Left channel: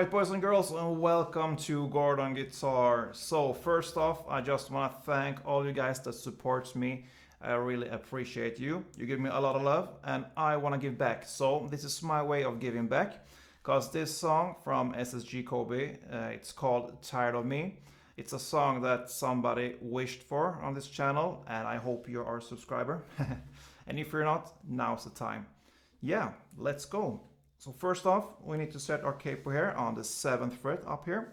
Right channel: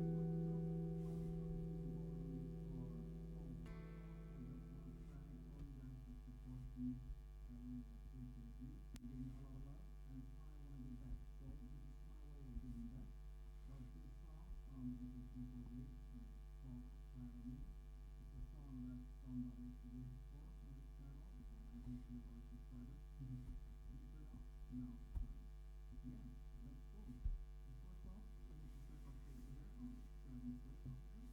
Alright, boys and girls, and welcome to Gordon Guitar. So first off, I just want to thank all you guys that supports me. I really appreciate you. You give me a lot of love and I want to give back. So this is my way of giving back, because this song from SSG Kobe, it's called Tired of Me. It's a song that somebody wished for on this channel, and I hope you are a subscriber. And if you're not, now's the time. Yeah, let's go. So first off, we need to set our capo here on the 7th fret up here.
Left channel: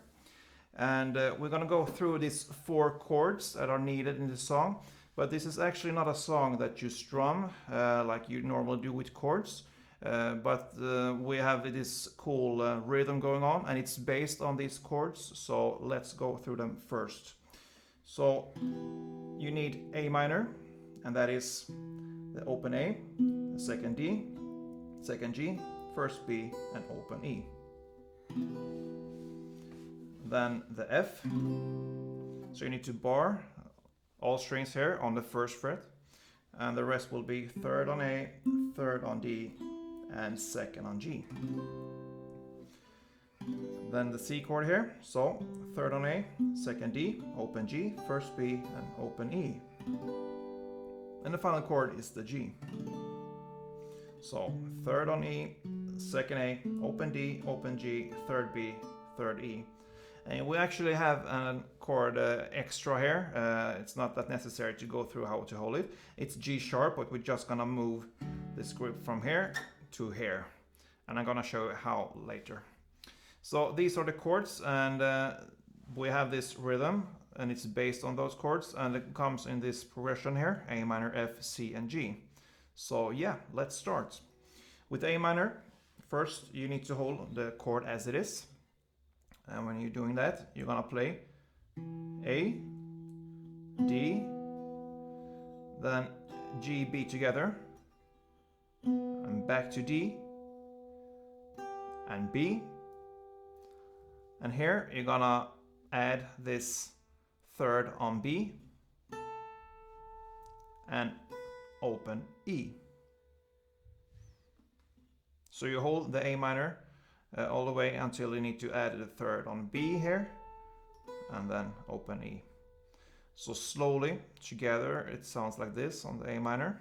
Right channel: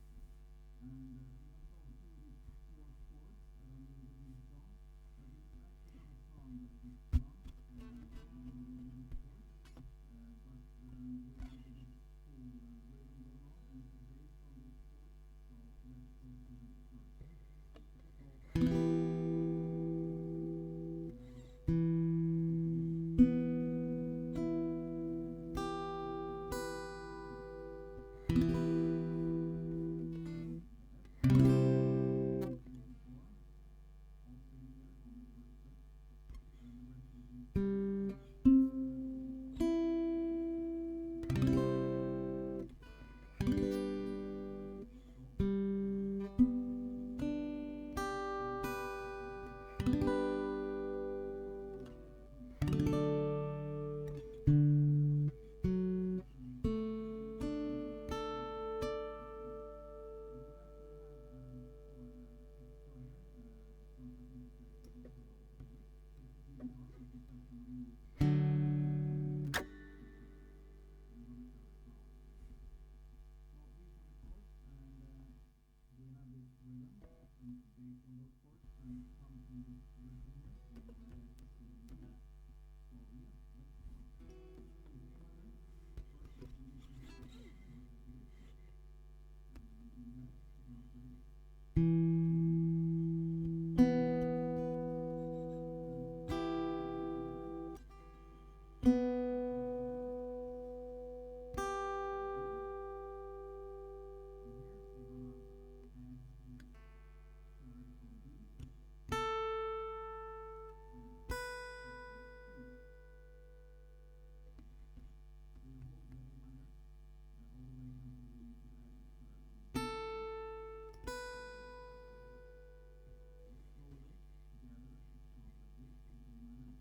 And we're gonna go through these 4 chords that are needed in the song. But this is actually not a song that you strum like you normally do with chords. But we have this cool rhythm going on, and it's based on these chords. So let's go through them first. So you need A minor, and that is the open A, second D, second G, first B, and open E. Then the F. So you need to bar all strings here on the 1st fret, and the rest will be 3rd on A, 3rd on D, and 2nd on G. Then the C chord here, so 3rd on A, 2nd D, open G, 1st B, and open E. And the final chord is the G. So 3rd on E, 2nd A, open D, open G, 3rd B, 3rd E. And we actually have a chord extra here. It's not that necessary to go through how to hold it. It's G sharp, but we're just gonna move this grip from here to here. And I'm gonna show you how later. So these are the chords, and we have this rhythm, and it's based on those chords, and it comes in this progression here: A minor, F, C, and G. So yeah, let's start. With A minor, first you need to hold the chord as it is. And when you're doing that, you're gonna play A, D, then G, B together, and back to D, and B. And here you're gonna add this 3rd on B, and open E. So you hold the A minor all the way until you need to add the 3rd on B here, and then open E. So slowly together it sounds like this on the A minor.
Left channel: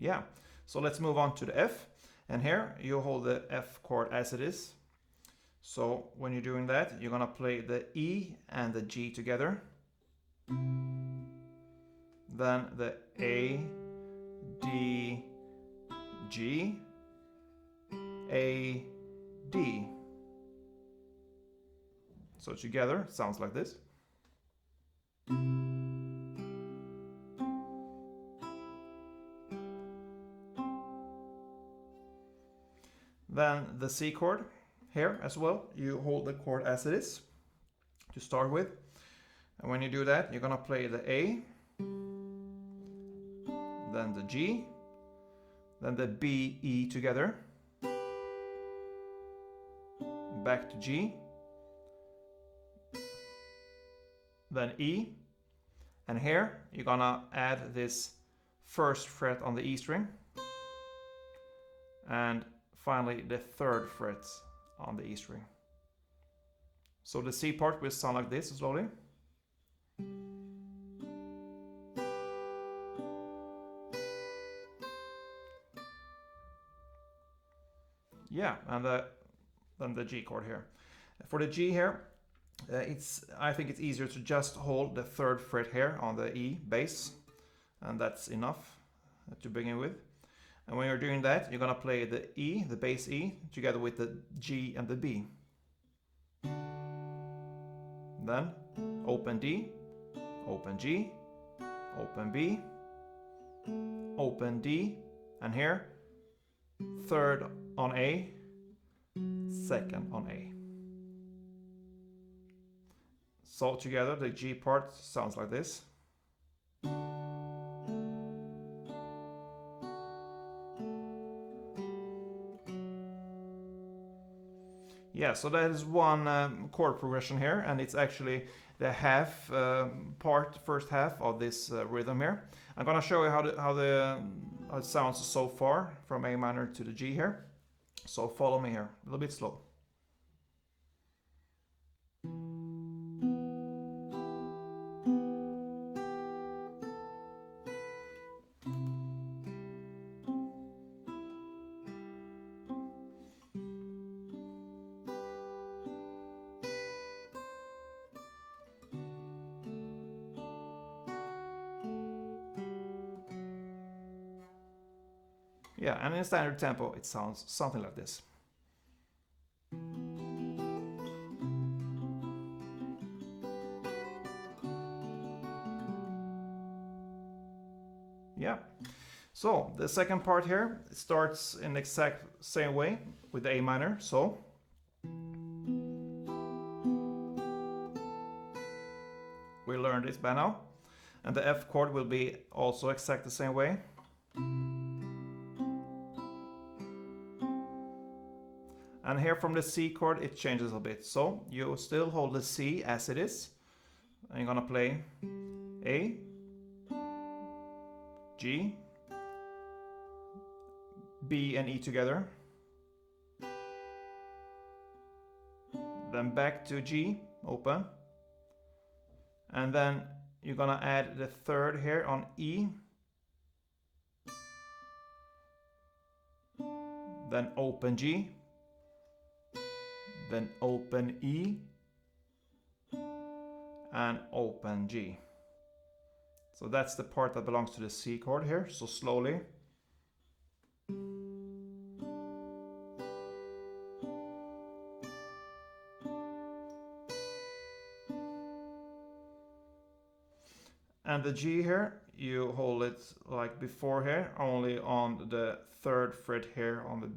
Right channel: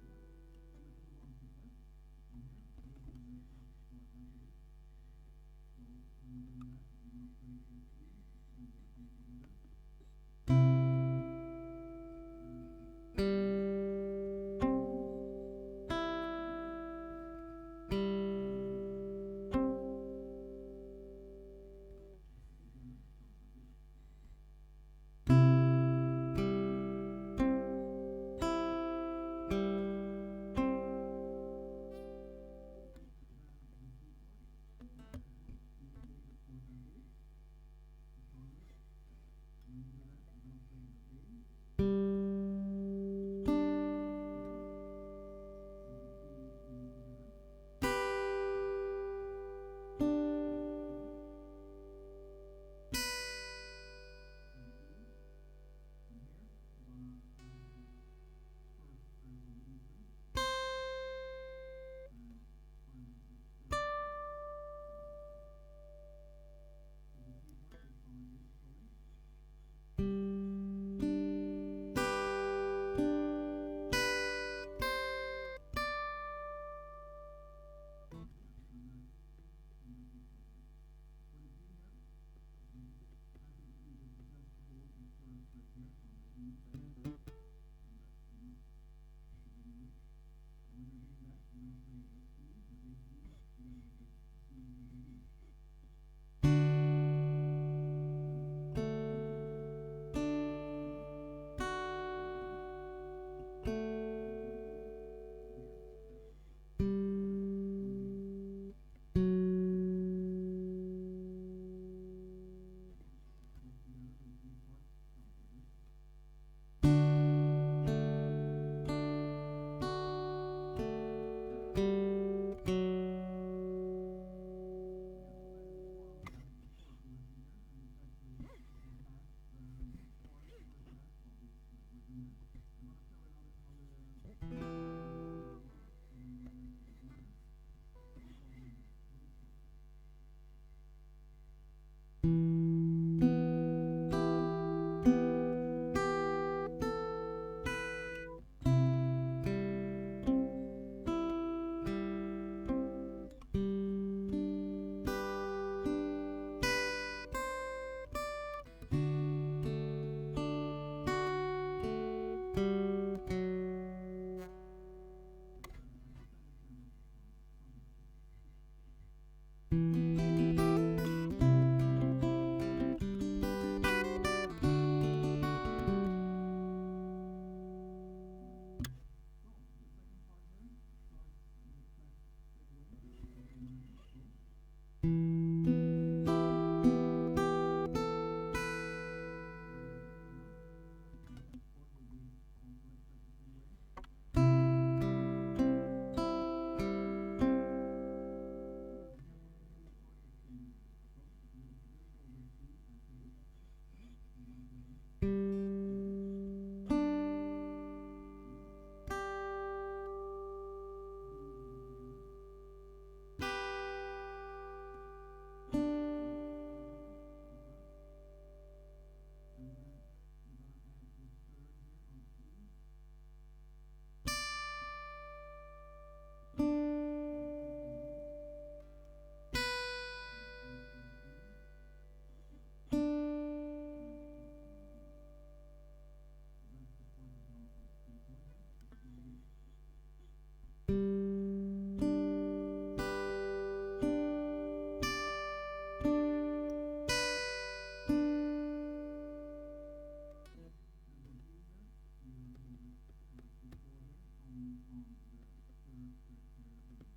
Yeah, so let's move on to the F, and here you hold the F chord as it is. So when you're doing that, you're gonna play the E and the G together, then the A, D, G, A, D. So together it sounds like this. Then the C chord here as well, you hold the chord as it is to start with. And when you do that, you're gonna play the A, then the G, then the B, E together, back to G, then E, and here you're gonna add this 1st fret on the E string, and finally the 3rd fret on the E string. So the C part will sound like this slowly. Yeah, and then the G chord here. For the G here, I think it's easier to just hold the 3rd fret here on the E bass, and that's enough to begin with. And when you're doing that, you're gonna play the E, the bass E, together with the G and the B. Then open D, open G, open B, open D, and here 3rd on A, 2nd on A. So together the G part sounds like this. Yeah, so that is one chord progression here, and it's actually the first half of this rhythm here. I'm gonna show you how it sounds so far from A minor to the G here. So follow me here, a little bit slow. Yeah, and in standard tempo it sounds something like this. Yeah. So the second part here starts in the exact same way with the A minor. So we learned this by now, and the F chord will be also exact the same way. And here from the C chord it changes a bit. So you still hold the C as it is, and you're gonna play A, G, B and E together, then back to G, open, and then you're gonna add the third here on E, then open G, then open E, and open G. So that's the part that belongs to the C chord here, so slowly. And the G here, you hold it like before here, only on the third fret here on the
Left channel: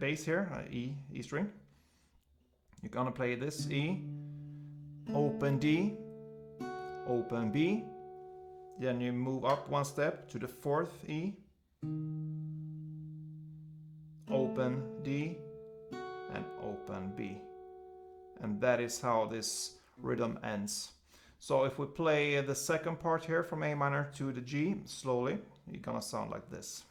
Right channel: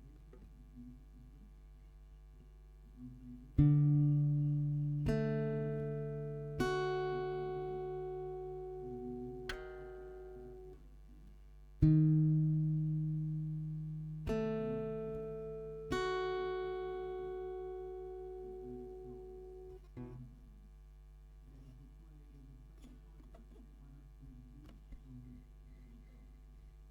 bass here, E string. You're gonna play this E, open D, open B, then you move up one step to the fourth E, open D, and open B. And that is how this rhythm ends. So if we play the second part here from A minor to the G slowly, you're gonna sound like this.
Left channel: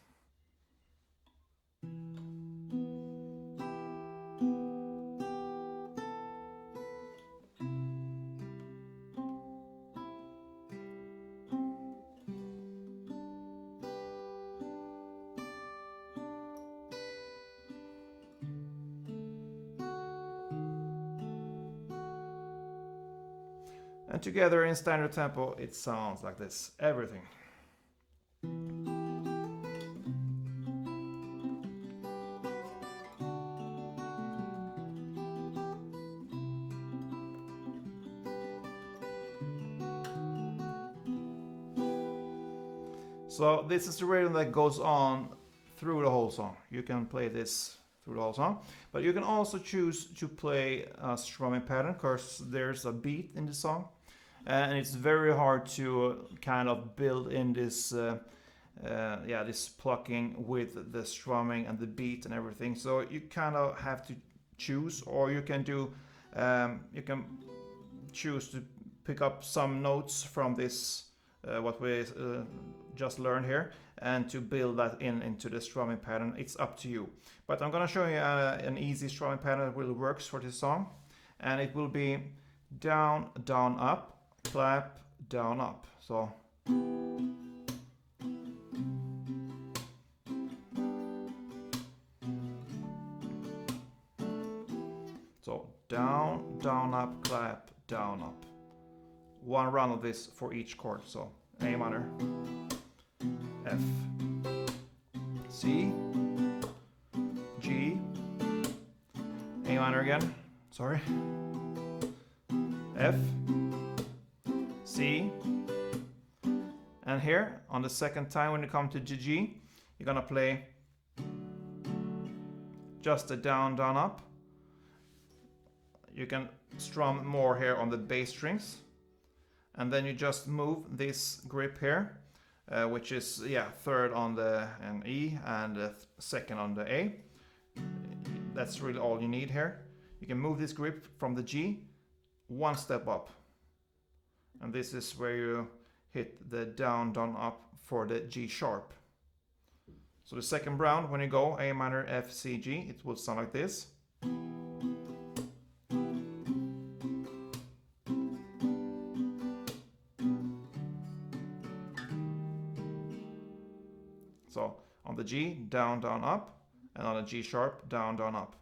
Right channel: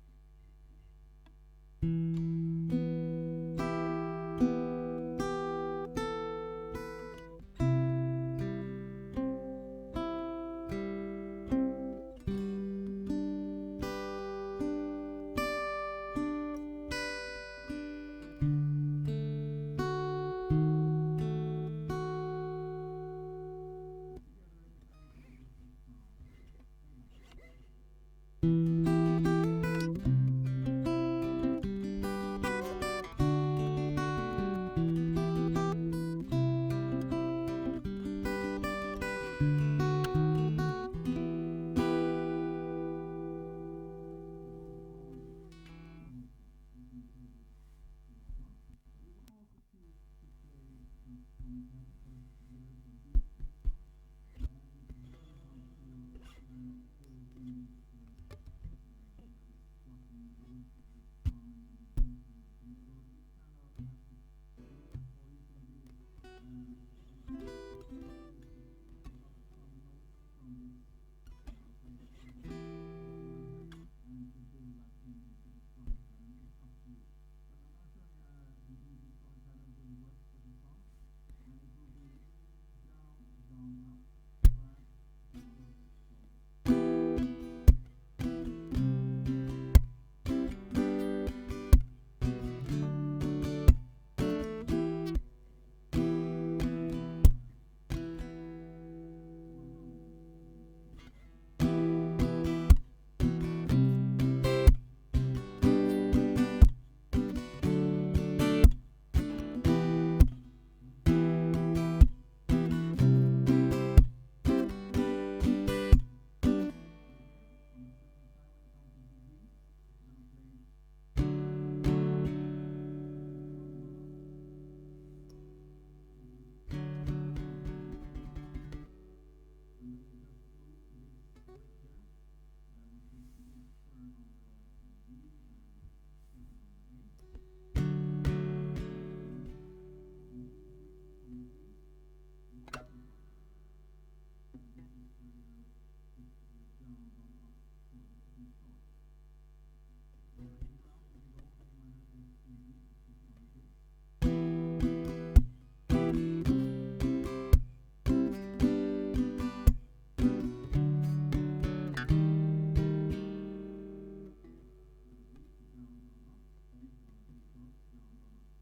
And together in standard tempo it sounds like this, everything. So this is the rhythm that goes on through the whole song. You can play this through the whole song, but you can also choose to play a strumming pattern because there's a beat in the song, and it's very hard to kind of build in this this plucking with the strumming and the beat and everything. So you kind of have to choose, or you can do you can choose to pick up some notes from this what we just learned here, and to build that into the strumming pattern. It's up to you, but I'm gonna show you an easy strumming pattern that really works for this song, and it will be down, down, up, clap, down, up. So down, down, up, clap, down, up. One round of this for each chord. So A minor, F, C, G, A minor again, sorry, F, C, and here on the second time when you come to G, you're gonna play just a down, down, up. You can strum more here on the bass strings, and then you just move this grip here, which is third on the E and second on the A. That's really all you need here. You can move this grip from the G one step up, and this is where you hit the down, down, up for the G sharp. So the second round, when you go A minor, F, C, G, it will sound like this. So on the G, down, down, up, and on the G sharp, down, down, up.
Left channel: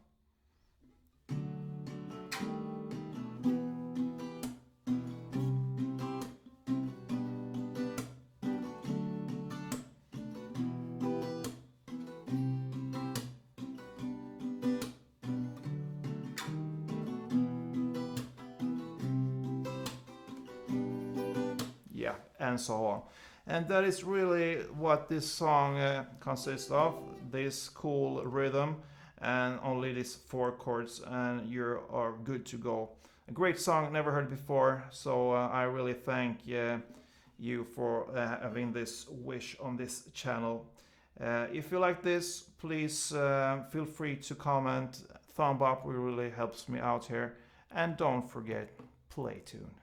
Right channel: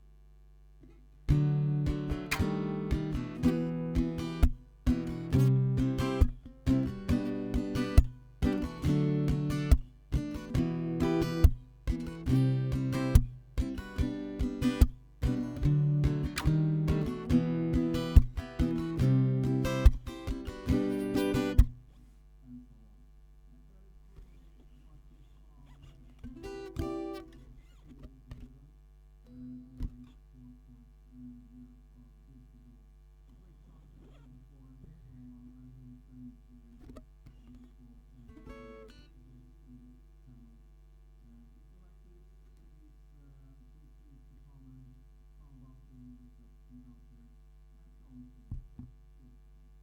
And so on. And that is really what this song consists of, this cool rhythm and only these 4 chords, and you are good to go. A great song, never heard before, so I really thank you for having this wish on this channel. If you like this, please feel free to comment, thumb up, it really helps me out here, and don't forget, play tuned.